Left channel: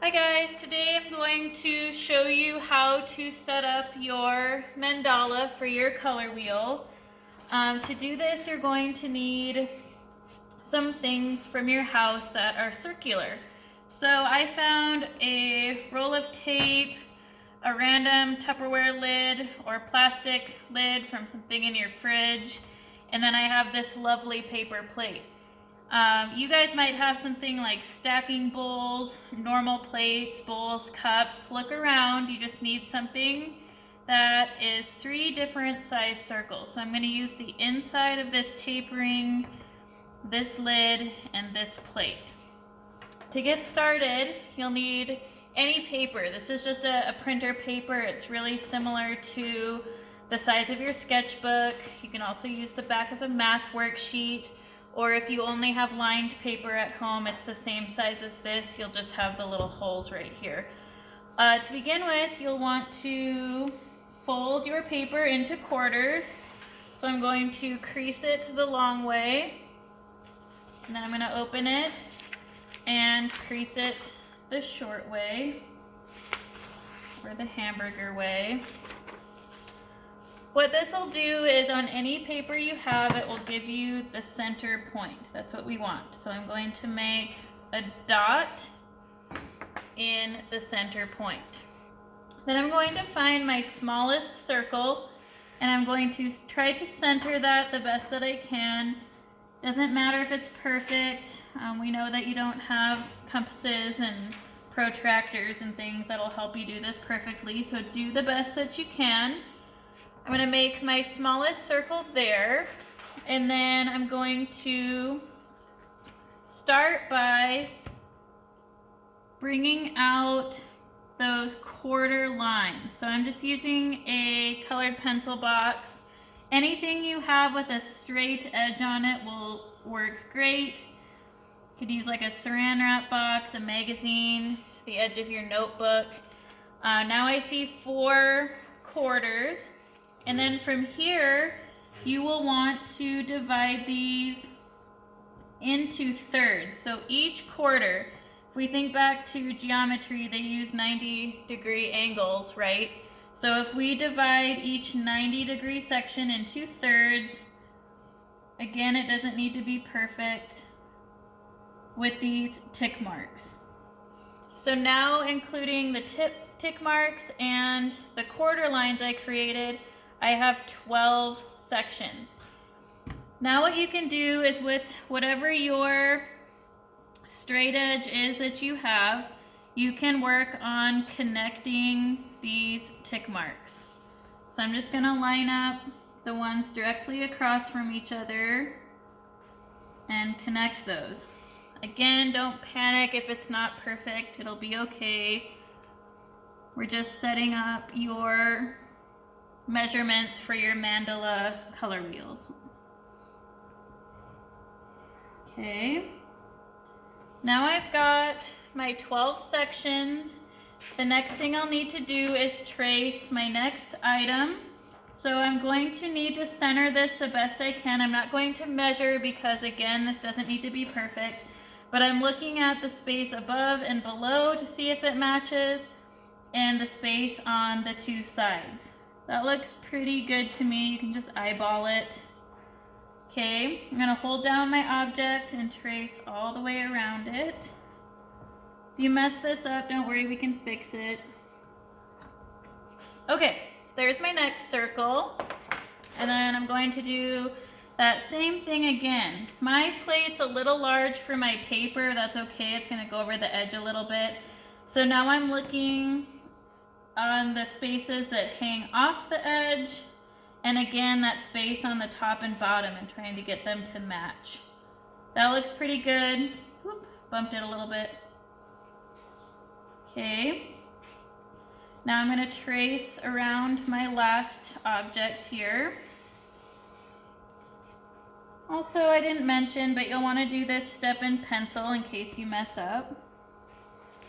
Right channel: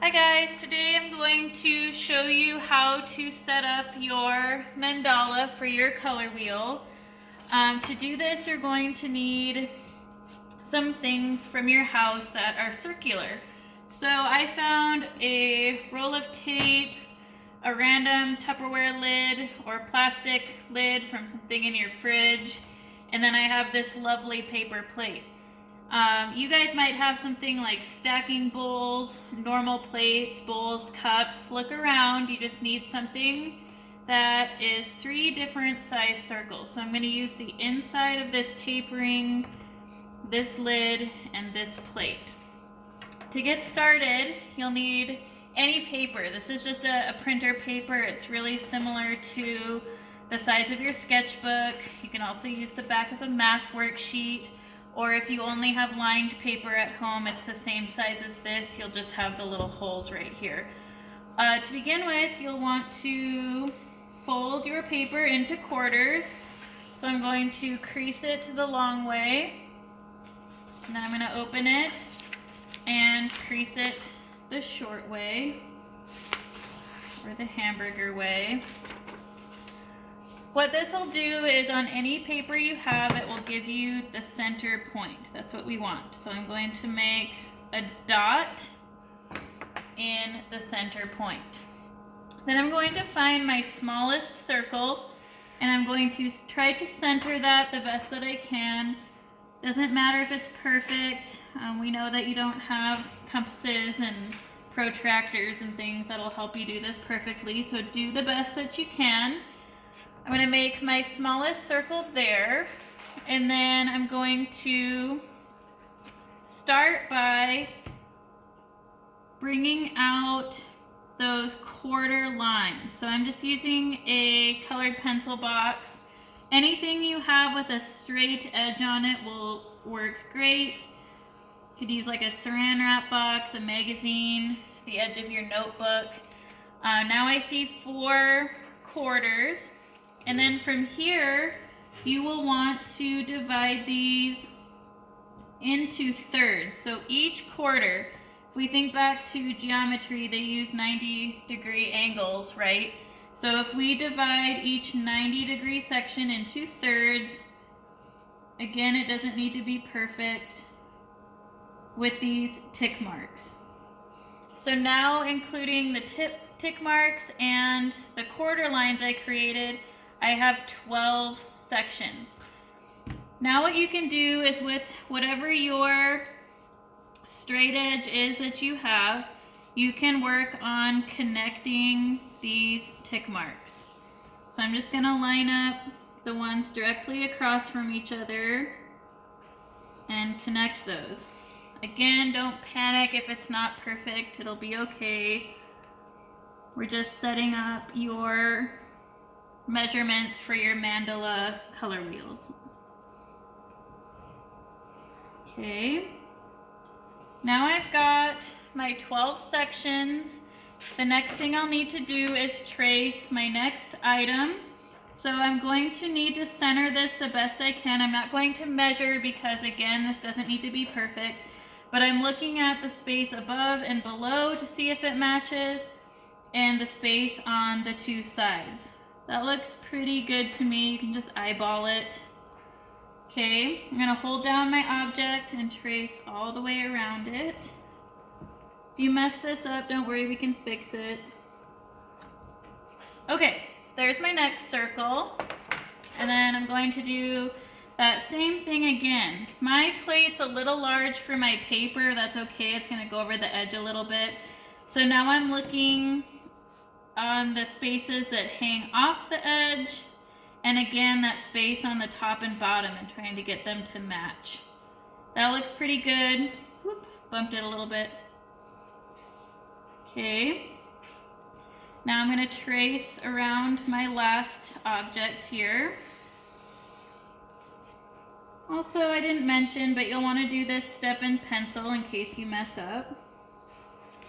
Hi guys, today I'm going to show you how to set up your mandala for your color wheel. To do this, you're going to need some things from your house that are circular. So I found a roll of tape, a random Tupperware lid or plastic lid from something in your fridge, and then I have this lovely paper plate. You guys might have something like stacking bowls, normal plates, bowls, cups. Look around. You just need something that is 3 different size circles. So I'm going to use the inside of this tape ring, this lid, and this plate. To get started, you'll need any paper. This is just a printer paper. It's really similar to the size of your sketchbook. You can also use the back of a math worksheet. Or if you only have lined paper at home, it's the same size as this. You'll just have the little holes right here. To begin with, you'll want to fold your paper into quarters. So I'm going to crease it the long way. And then I'm going to open it and crease it the short way, or the hamburger way. What this will do is on any paper you have, it will give you the center point. That's what we want. So I'm going to make a dot in the center point. Then I'm going to find my smallest circle and I'm going to try to center that the best that I can. Doesn't matter if it's perfect. We know that you don't have compasses and protractors and things that'll help you do this perfectly, so do the best that you can. I'm going to make my smallest circle there, and then I'm going to start by bringing out those quarter lines. So I'm just using a colored pencil box. Anything you have with a straight edge on it will work great. You could use like a saran wrap box, a magazine, the edge of your notebook. Now I see 4 quarters. And then from here, you will want to divide these into thirds. So each quarter, if we think back to geometry, they use 90-degree angles, right? So if we divide each 90-degree section into thirds, again, it doesn't need to be perfect, with these tick marks. So now, including the tick marks and the quarter lines I created, I have 12 sections. Now what you can do is with whatever your straight edge is that you have, you can work on connecting these tick marks. So I'm just going to line up the ones directly across from each other and connect those. Again, don't panic if it's not perfect. It'll be okay. We're just setting up your measurements for your mandala color wheels. Okay. Now I've got my 12 sections. The next thing I'll need to do is trace my next item. So I'm going to need to center this the best I can. I'm not going to measure because, again, this doesn't need to be perfect. But I'm looking at the space above and below to see if it matches, and the space on the 2 sides. That looks pretty good to me. You can just eyeball it. Okay, I'm going to hold down my object and trace all the way around it. If you mess this up, don't worry, we can fix it. Okay, so there's my next circle. And then I'm going to do that same thing again. My plate's a little large for my paper. That's okay. It's going to go over the edge a little bit. So now I'm looking on the spaces that hang off the edge, and again that space on the top and bottom, and trying to get them to match. That looks pretty good. Whoop, bumped it a little bit. Okay, now I'm going to trace around my last object here. Also, I didn't mention, but you'll want to do this step in pencil in case you mess up,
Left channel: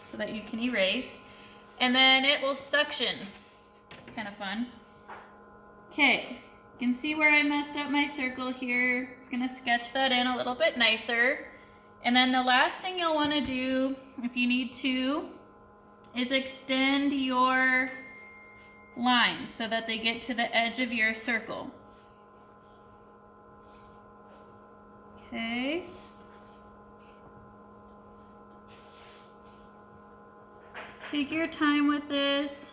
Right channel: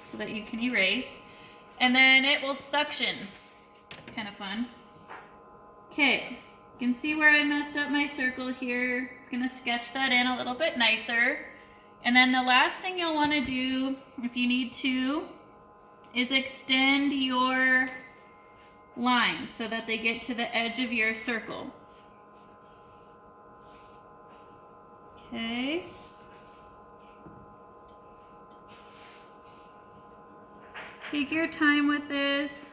so that you can erase. And then it will suction. Kind of fun. Okay, you can see where I messed up my circle here. It's going to sketch that in a little bit nicer. And then the last thing you'll want to do, if you need to, is extend your lines so that they get to the edge of your circle. Okay. Take your time with this.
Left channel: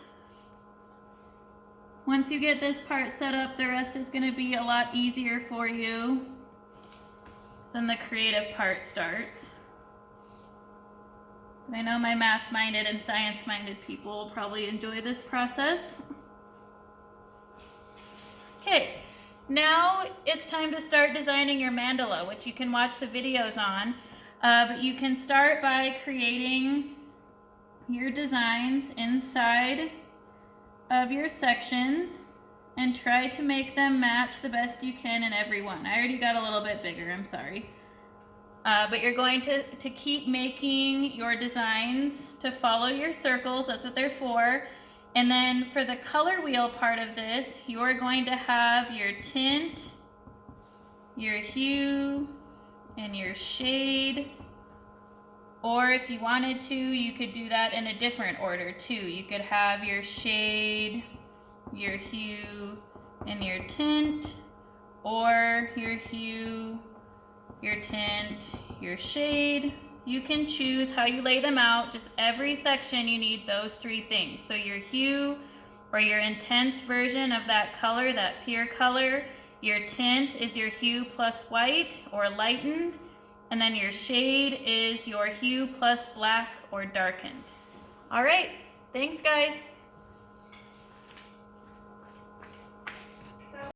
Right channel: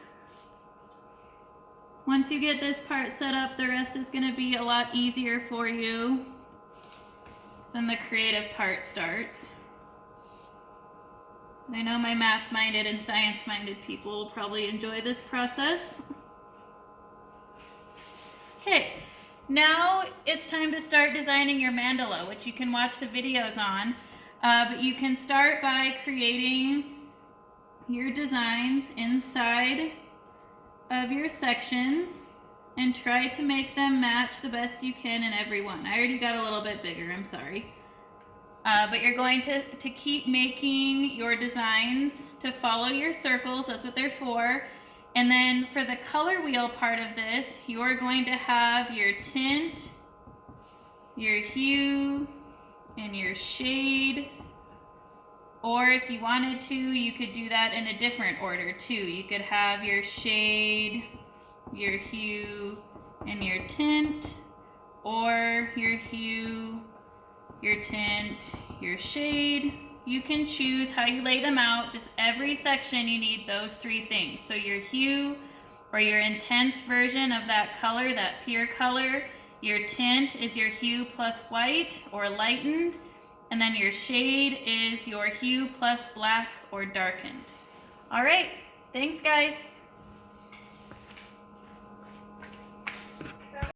Once you get this part set up, the rest is going to be a lot easier for you. Then the creative part starts. I know my math-minded and science-minded people will probably enjoy this process. Okay, now it's time to start designing your mandala, which you can watch the videos on. But you can start by creating your designs inside of your sections and try to make them match the best you can in every one. I already got a little bit bigger, I'm sorry. But you're going to keep making your designs to follow your circles. That's what they're for. And then for the color wheel part of this, you're going to have your tint, your hue, and your shade. Or if you wanted to, you could do that in a different order too. You could have your shade, your hue, and your tint, or your hue, your tint, your shade. You can choose how you lay them out. Just every section you need those three things. So your hue, or your intense version of that color, that pure color. Your tint is your hue plus white or lightened. And then your shade is your hue plus black or darkened. All right, thanks guys.